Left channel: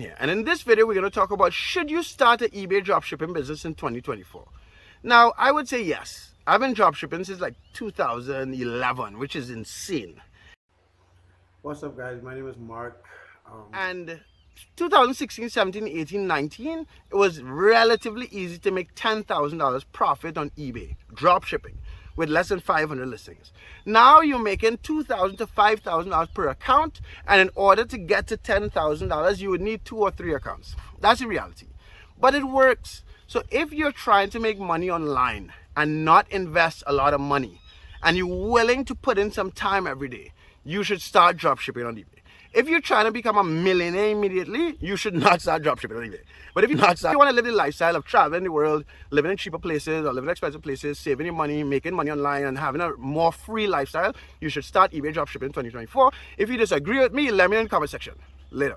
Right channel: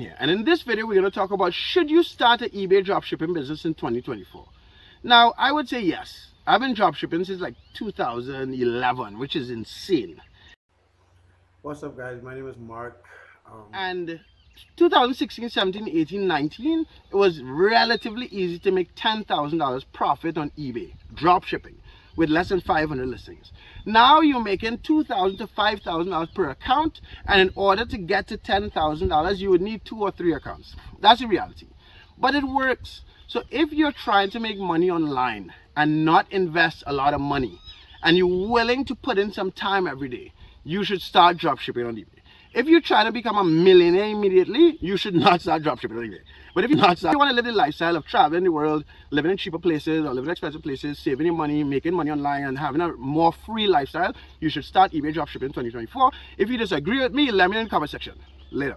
here. And in this video, we're going to talk about, should you start an eBay dropshipping business in 2024? Now, I would say yes. I've been dropshipping since like 2011, which is insane. What's up, guys? My name is Mark. And 2016, 17, 18, 19, it was relatively easy to make $10,000 profit on eBay dropshipping with less than 500 listings. Now you're making $2,000 to $5,000 per account, and in order to get to $10,000, you would need 2 or 3 accounts. That's the reality, but it works. So if you're trying to make money online and not invest a lot of money, and you're willing to put in some time every day, you should start dropshipping on eBay. If you're trying to become a millionaire immediately, you should not start dropshipping on eBay. But if you want to live the lifestyle of traveling the world, living in cheaper places or living in expensive places, saving your money, making money online, and having a more free lifestyle, you should start eBay dropshipping in 2024. If you disagree with me, let me know in the comment section. Later.